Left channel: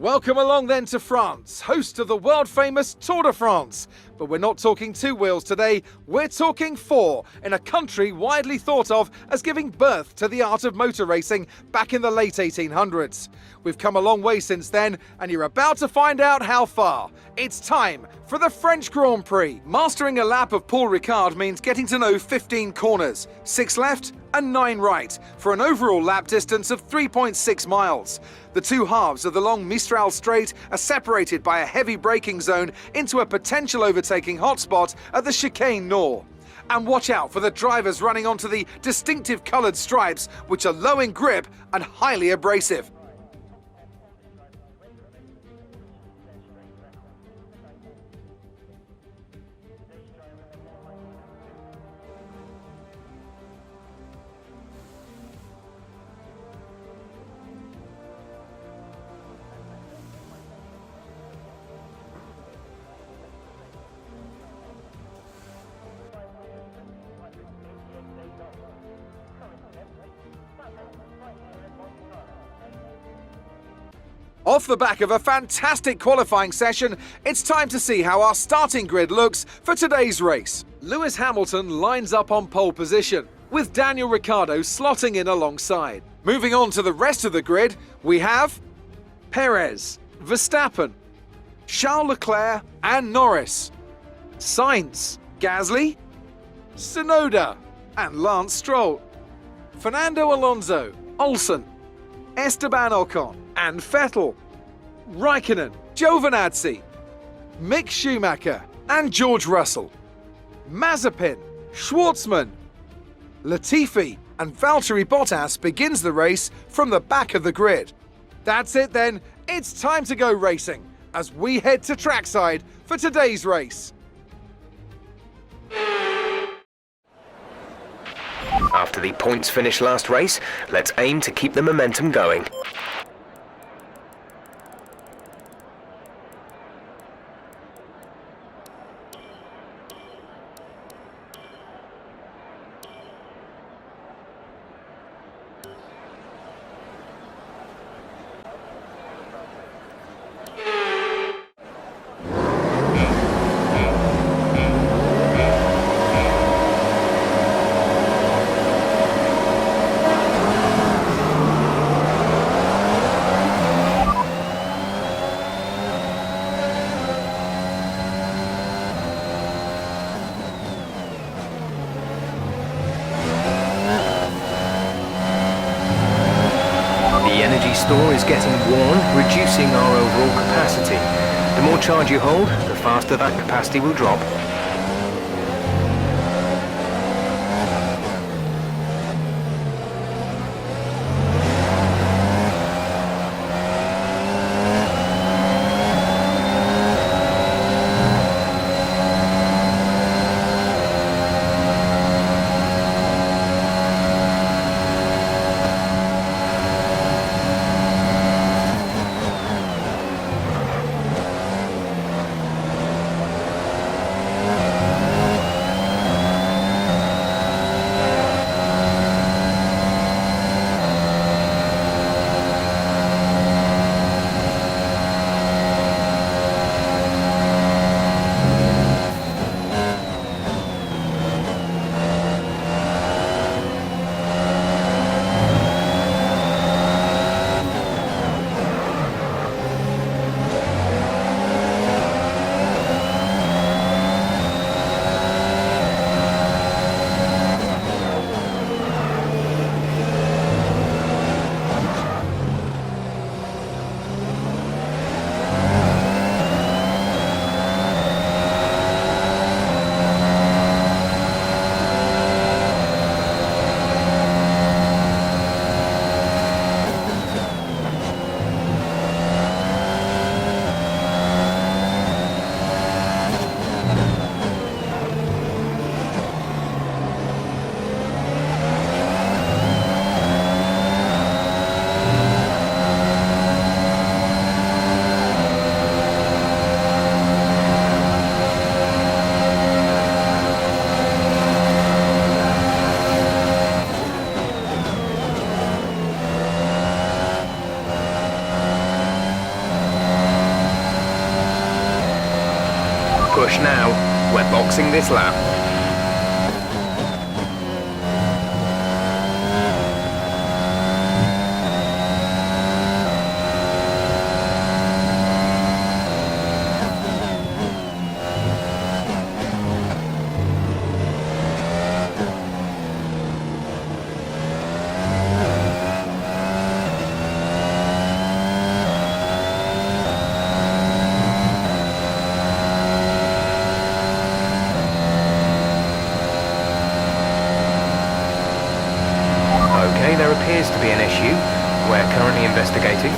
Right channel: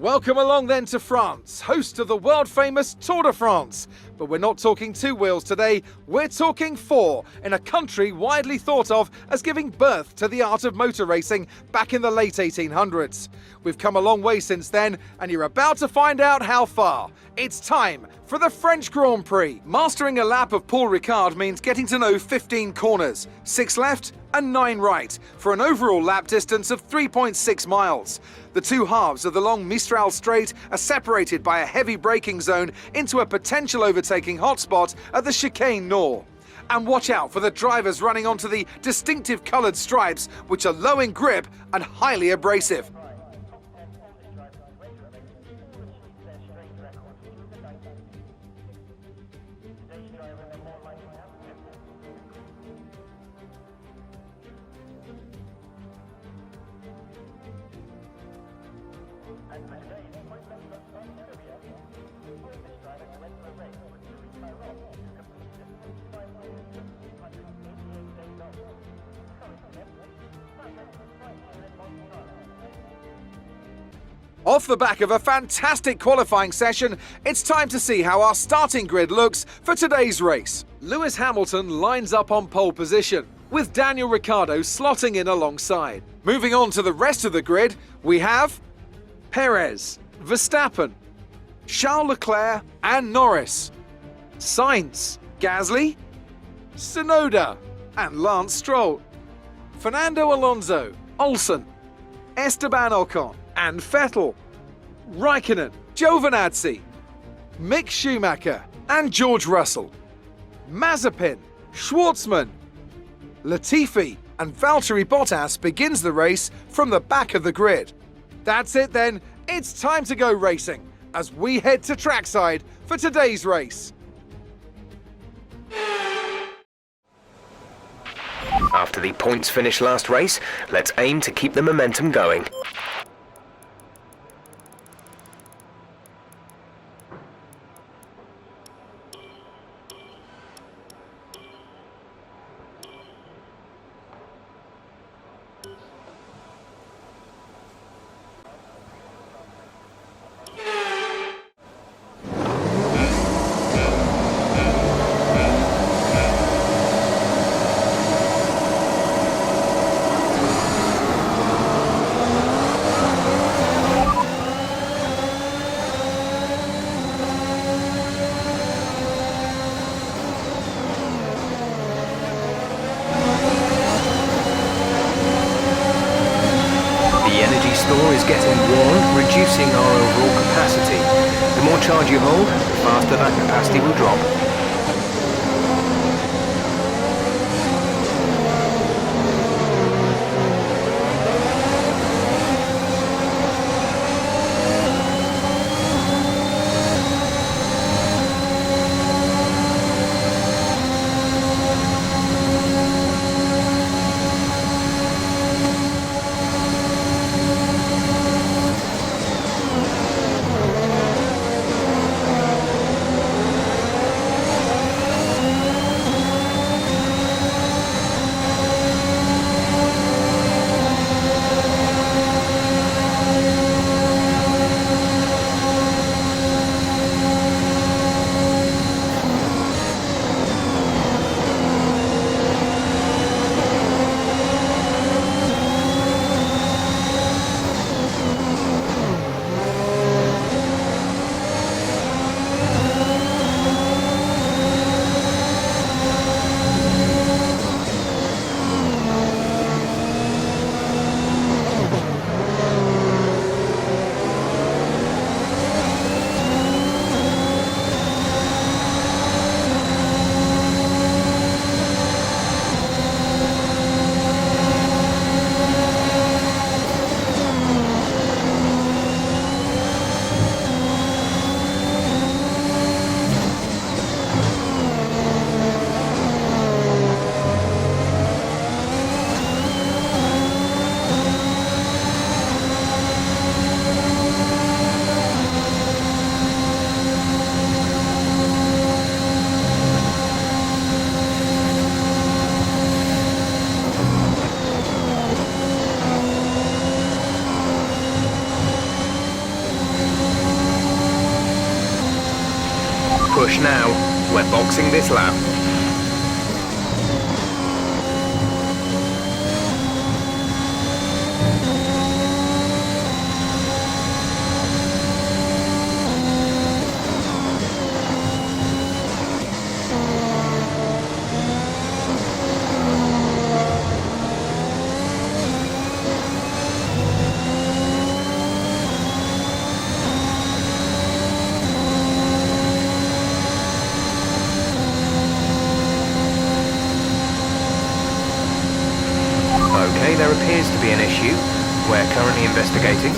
Welcome along then to France, host of the world-famous Tour de France. But we're not talking two wheels today, we're talking four, in a country widely thought of as giving birth to the art of motor racing back in the late 1800s. We've come a long way since then, and you're about to find out how far. It's time for the French Grand Prix. Mastering a lap of Paul Ricard means getting to know 15 corners, 6 left and 9 right, for an overall lap distance of 3.6 miles. The two halves of the long Mistral Straight are separated by a heavy braking zone into a potential overtaking hotspot at the Chicane Nord. And watch out for the drivers running onto the distinctive coloured stripes, which are low in grip and highly abrasive. Off the back of a fantastic qualifying session, it's time to see how our starting grid looks for today's race. Lewis Hamilton lines up on pole position, with Daniel Ricciardo slotting in alongside. Moving on to the rest of the grid, we have Perez, Verstappen, Charles Leclerc and Norris, Sainz, Gasly, Tsunoda and Lance Stroll, Fernando Alonso, Olsen, Esteban Ocon and Vettel, Raikkonen, Giovinazzi, Mick Schumacher and George Russell, Mazepin, Schwartzman, Latifi and Valtteri Bottas begins the race from the back of the grid. That's it then, it's time to go racing as we head to trackside for today's race. After the points finish last race, let's aim to keep the momentum going. The energy store is getting worn, reducing our overall capacity. The more charge you hold, the faster that capacity will drop. push now. We're boxing this lap. Okay, there appears to be an issue. We're currently investigating.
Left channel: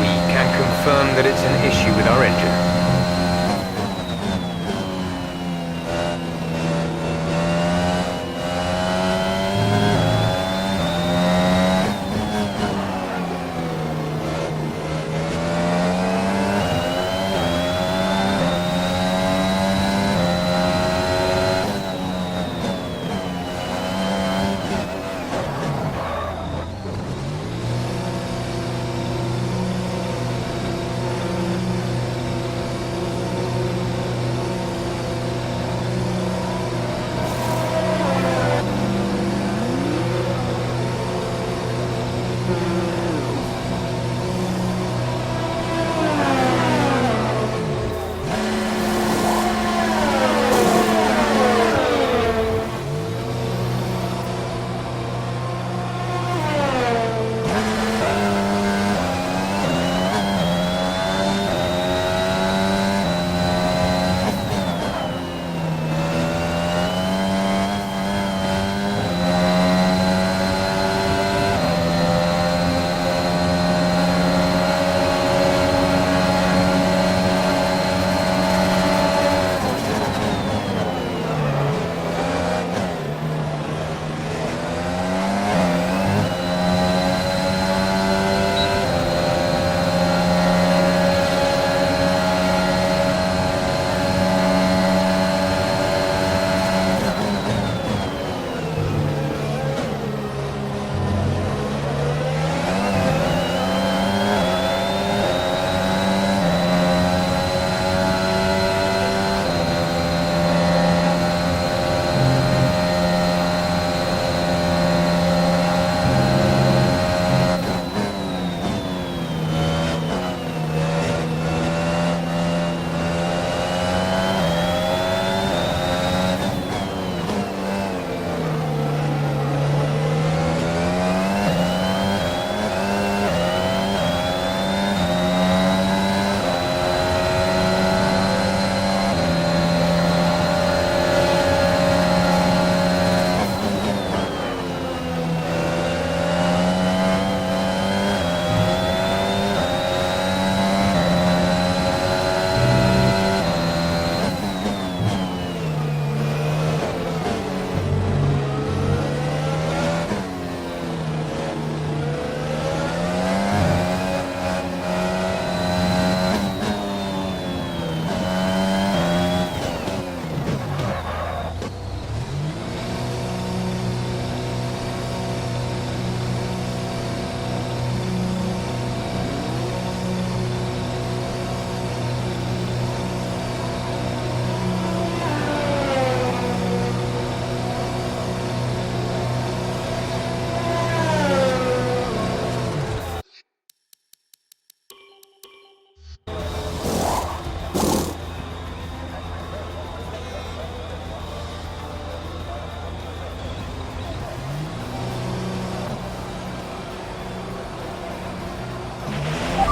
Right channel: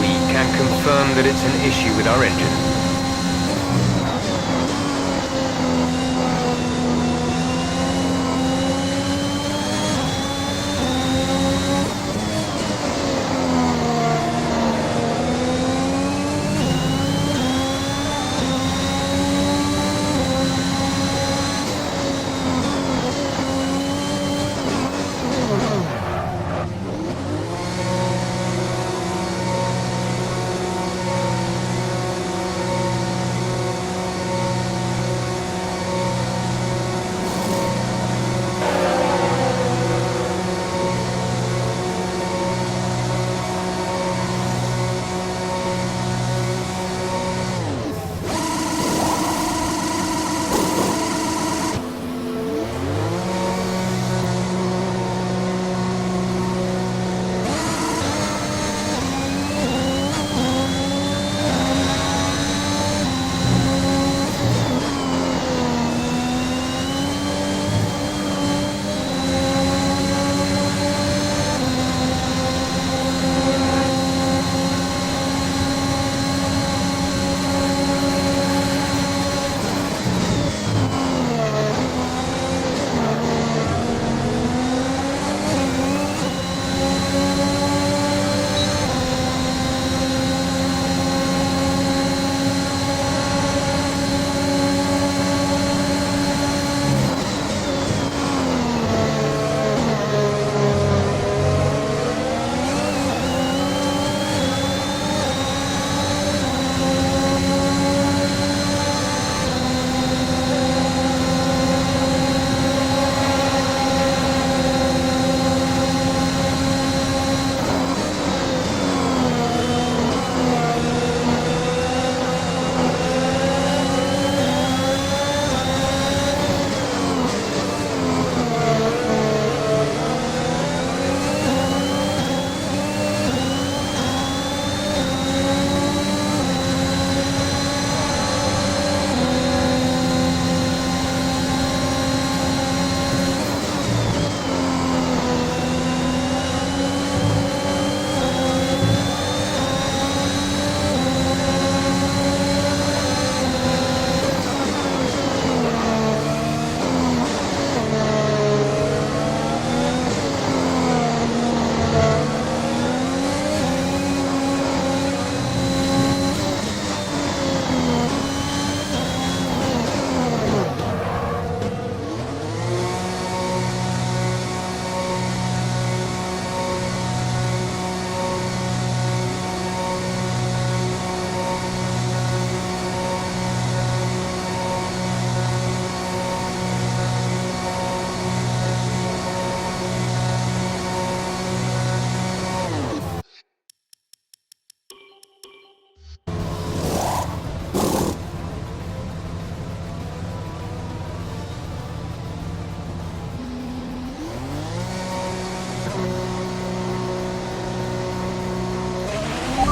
We can confirm that it's an issue with our engine.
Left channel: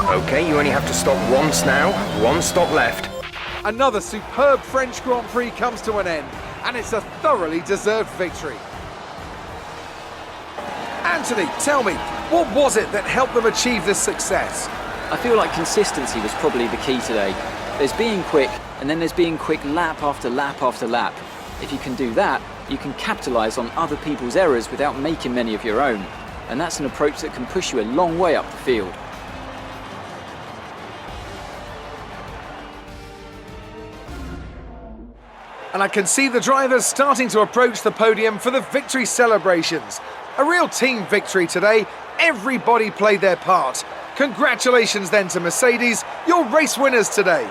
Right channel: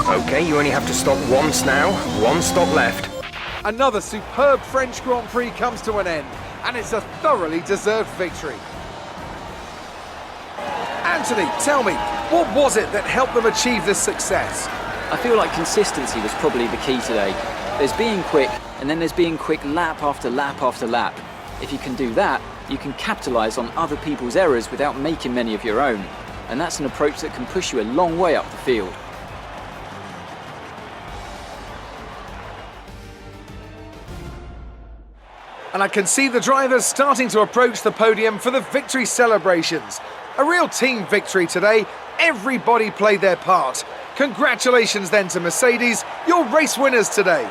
Okay, you only have to stop once now. One stop left. Another superb French Grand Prix comes to an end, and it's a thoroughly deserved victory. Anthony, tell me, what was it that helped them achieve this success? I feel like consistency was probably the key today. There's being quick, and then there's being quick lap after lap after lap. If you can do that, you can capitalise on other people's errors without making many of your own. And that's an approach that can push you a long way up the field. And I can see the drivers starting to approach the podium for the victory celebrations. A real team victory today. Everybody played their part. Congratulations then to Mercedes, your race winners today.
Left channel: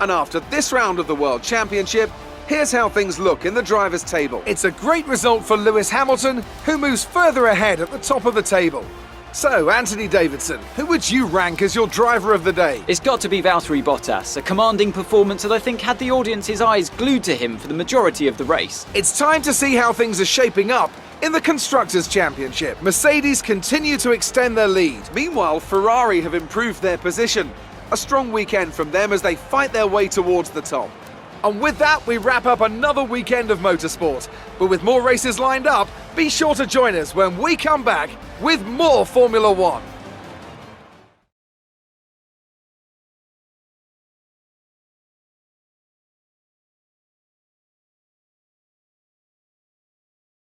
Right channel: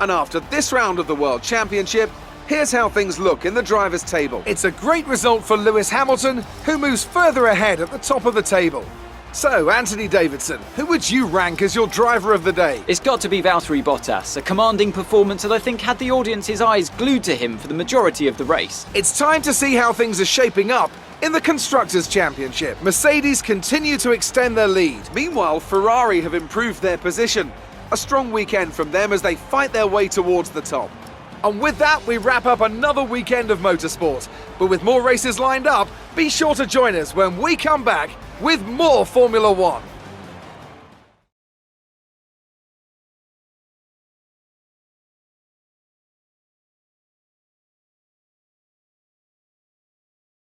And after this round of the World Championship, here's how things look in the drivers' table. It's a great result for Lewis Hamilton, who moves further ahead at the top of the table. So, Anthony Davidson, who would you rank as your driver of the day? It's got to be Valtteri Bottas, a commanding performance that I think had the audience's eyes glued to him for the majority of the race. It's time to see how things are shaping up in the Constructors' Championship. Mercedes continue to extend their lead. Meanwhile, Ferrari have improved their position. A strong weekend from them as they fight their way towards the top. And with that, we wrap up another weekend of motorsport. But with more races lined up, be sure to join us when we come back with more Formula One.